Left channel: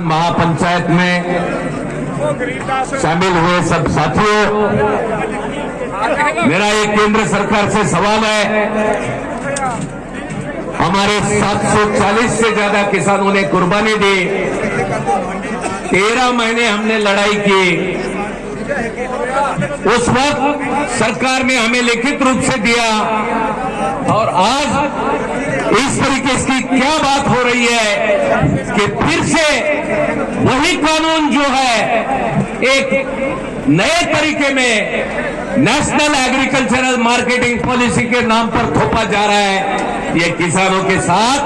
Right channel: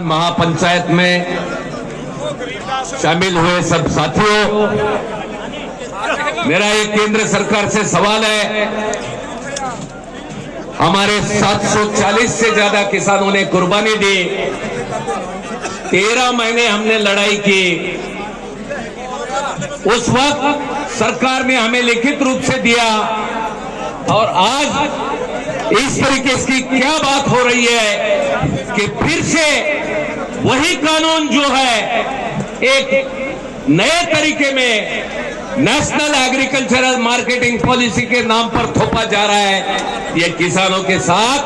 महापंचायत में शामिल हुए सब साथियों, मेरा एक केंद्र सरकार से सवाल है। हमारे 740 से ज्यादा किसानों ने कुर्बानी दी, 13 महीने हमने लड़ाई की। उस वक्त सरकार ने हमें लिखित रूप से दिया और आज इस तरीके की क्या बात हो रही है कि फिर से वही कानून जो है एक नए तरीके में नेशनल एग्रीकल्चरल मार्केटिंग पॉलिसी के नाम पर थोपा जा रहा है। ये किसानों के साथ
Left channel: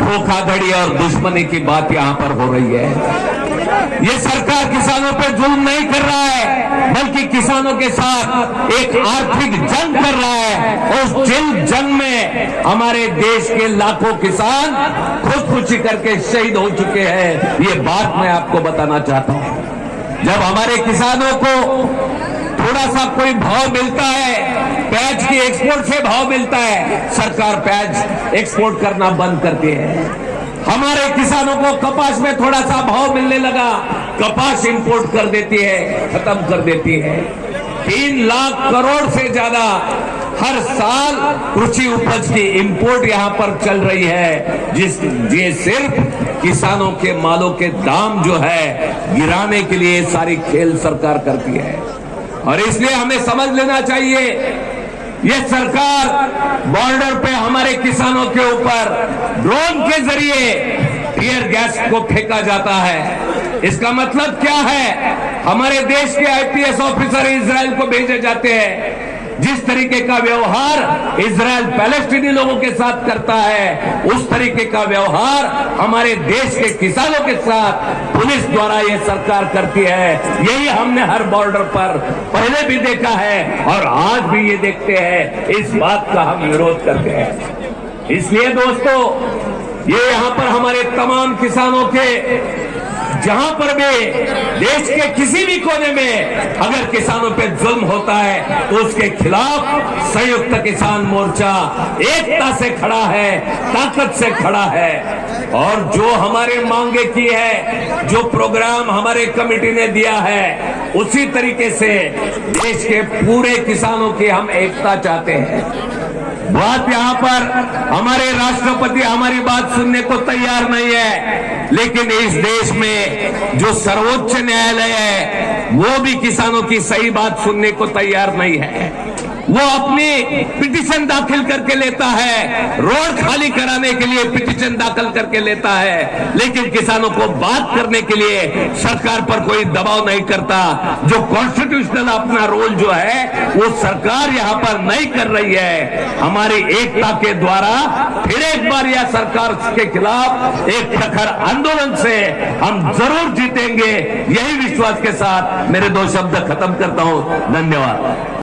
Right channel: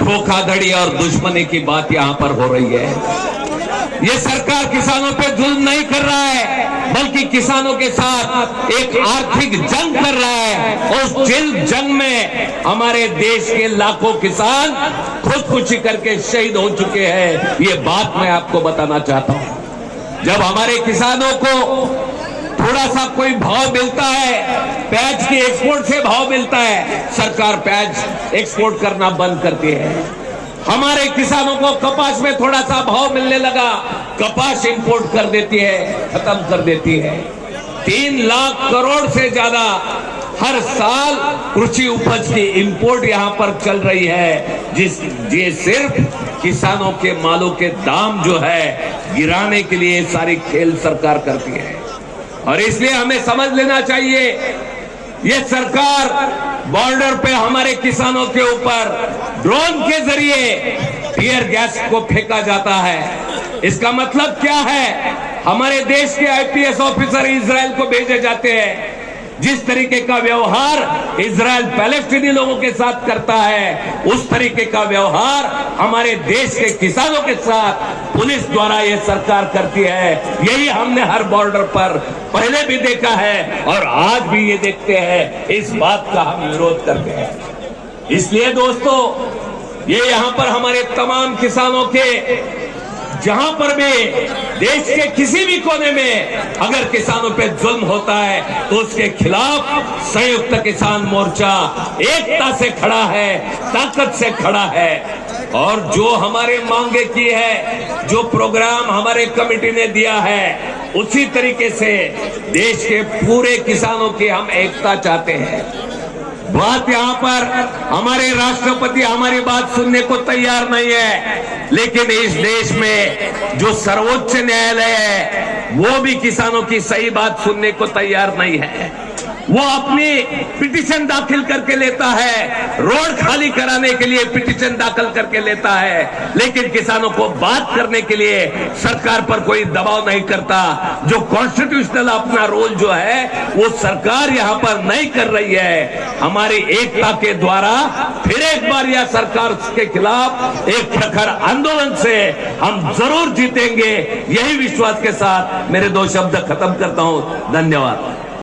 धोखाधड़ी और दुश्मनी की बात यहां पर हो रही है। ये सरकार किसानों पे जुल्म नहीं कर रहा है, बल्कि किसानों के साथ एक आर्थिक जंग कर रहा है। उस जंग में हमारे देश के लाखों किसान खुदकुशी करके शहीद हो चुके हैं। ये बात मैं आपको बताना चाहता हूं। जब हमारे किसानों को थोड़ा सा कोई भाव मिलता है, प्याज की एक्सपोर्ट से भाव मिलता है, सरकार प्याज एक्सपोर्ट करना बंद करती है। हमारे किसानों को कपास में थोड़ा सा भाव मिलने लगा, कपास इंपोर्ट कर देती है, खत्म कर देती है। 3 लाख करोड़ से ज्यादा हर साल कृषि उपज की इंपोर्ट यहां पर चल रही है, ये सिर्फ किसानों के मालों के दाम जो है गिराने के लिए सारी खेल सरकार करती है। और इसलिए हमें समझ लेना चाहिए, ये सरकार बॉर्डर पे हमारे किसानों के ऊपर ड्रोन के जरिए टीयर गैस को फेंका जाता है। इसका मतलब क्या है? हमारे देश के आईपीएस ऑफिसर इजराइल को भेजे जाते हैं। जिस तरीके का व्यवहार इजराइल पैलेस्टीनी लोगों के साथ करता है, उस तरीके का व्यवहार हमारे देश के किसानों के साथ पुलिस द्वारा ये सरकार करती है। यही हमने हर बॉर्डर पर पहले भी देखा है और आज भी ये देखते हैं। इस बात का हम विरोध करते हैं। इसलिए दोस्तों, ये यहां पर हमारे तमाम किसानों के जहां पर भी देश के किसी भी कोने में अगर किसानों पे जुल्म होता है तो उसके खिलाफ संयुक्त किसान मोर्चा एकता से खड़ा है, ताकत से खड़ा है। और जो हमारे मांगे की है, जो प्रोग्राम हमारे कमेटी ने दिया है, उसी तरीके से देश के पूरे किसानों की हम एकता चाहते हैं। बात यहां पर हमारे राष्ट्रपति हमारी बात सुनने को तैयार नहीं है, लेकिन इस देश में जो सर्वोच्च न्यायालय है वो भी किसानों की सही बात सुनने को तैयार नहीं है। वो अपनी पिटीशन दाखिल करके लेता है, रोड खाली कराने के लिए पिटीशन दाखिल करके लेता है, लेकिन किसानों को बात करने के लिए सरकार पर कोई दबाव नहीं करता। जो कॉन्स्टिट्यूशनल अपना रोल जो है वो सरकार यहां पर नहीं कर रही है। हमारी एकता के द्वारा फिर एक बार यह सरकार के खिलाफ एक प्रखर आंदोलन से हम जरूर जीतेंगे। यही विश्वास के साथ मेरे 2 शब्द खत्म करता हूं। धन्यवाद।